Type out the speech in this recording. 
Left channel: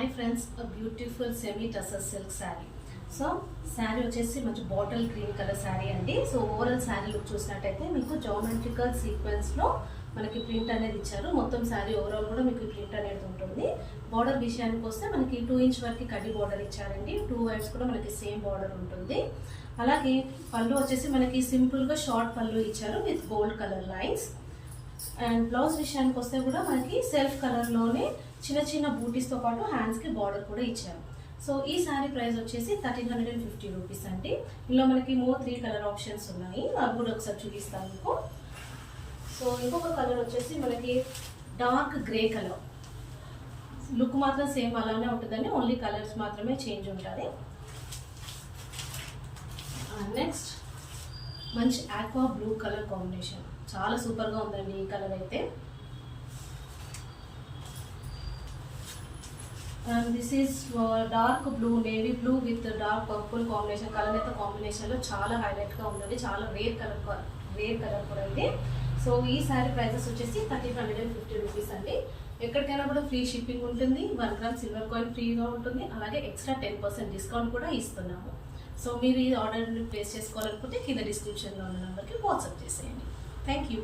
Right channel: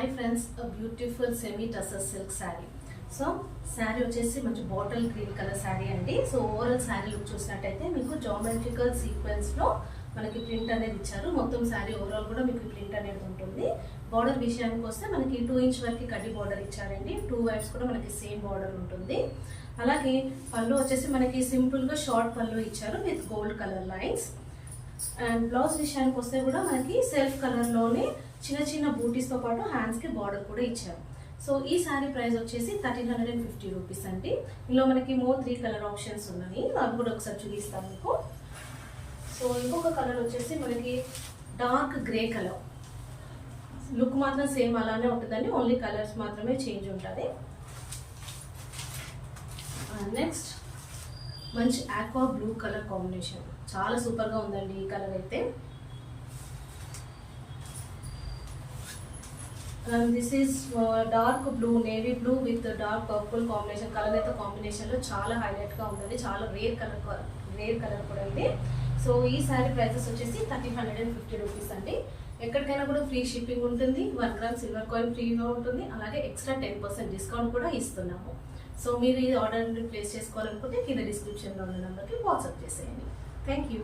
Hi friends, beautiful semi tussar silk sari. So sari వచ్చేసి మంచి bottle green colour sari అండి. సో ఓవరాల్ శారీ లుక్ చూసినట్టయితే మీకు జామెట్రికల్ సీక్వెన్స్లో మనకి ప్రింట్ అనేది ఇచ్చారు. మొత్తం శారీ ఓవరాల్ కూడా మీకు ప్రింట్ అనేది ఉంటుంది. బార్డర్ విషయానికి వస్తే మనకి 2 ఇంచ్ వరకు కడ్డీ బార్డర్ ఇచ్చారండి. 2 వైపుస్ కూడా మనకి సేమ్ బార్డర్ ఉంటుంది. అలాగే పళ్ళు వచ్చేసి మనకి సింపుల్గా షార్ట్ పళ్ళు ఇచ్చారు with gold colour lines. And blouse విషయానికి వస్తే కూడా మనకి సెల్ఫ్ కలర్లోనే చిన్న చిన్న బూటీస్తో పాటు హ్యాండ్స్కి బార్డర్ కూడా ఇచ్చారు. సో ఈ శారీ ప్రైస్ వచ్చేసి 1350 రూపీస్ అండి. ఇందులో మనకి 3 కలర్ ఆప్షన్స్ ఉన్నాయి, అవి కూడా ఒకసారి చూపిస్తాను మీకు. సో ఇంకొక కలర్ వచ్చేసి మనకి డార్క్ గ్రే కలర్. లుక్ మాత్రం సేమ్ అలానే ఉంటుందండి, ఓన్లీ కలర్స్ మాత్రమే చేంజ్ ఉంటుంది. నెక్స్ట్ మంచి ఆక్వా బ్లూ కలర్ కాంబినేషన్, చాలా సూపర్గా ఉందండి ఈ కలర్ అయితే. This is dark blue, navy blue with dark purple combination. Colour అయితే కాంబినేషన్లో చాలా హైలైట్గా ఉందండి, చాలా రేర్ కలర్ కూడా ఇది. సో ఈ శారీ ప్రైజెస్ వచ్చేసి 1350 రూపీస్ అండి. ఎక్కడికైనా కూడా ఫ్రీ షిప్పింగ్ ఉంటుంది, 1 గ్రామ్ సిల్వర్ కాయిన్ ఫ్రీగా ఉంటుంది. అలాగే ఎక్స్ట్రా 10% డిస్కౌంట్ కూడా ఇస్తున్నాము. సో మీరు ఈ ఆర్డర్ ప్లేస్ చేసుకోవాలనుకుంటే కింద డిస్క్రిప్షన్లో ఉన్న నెంబర్కి వాట్సాప్ చేసేయండి. Thank you.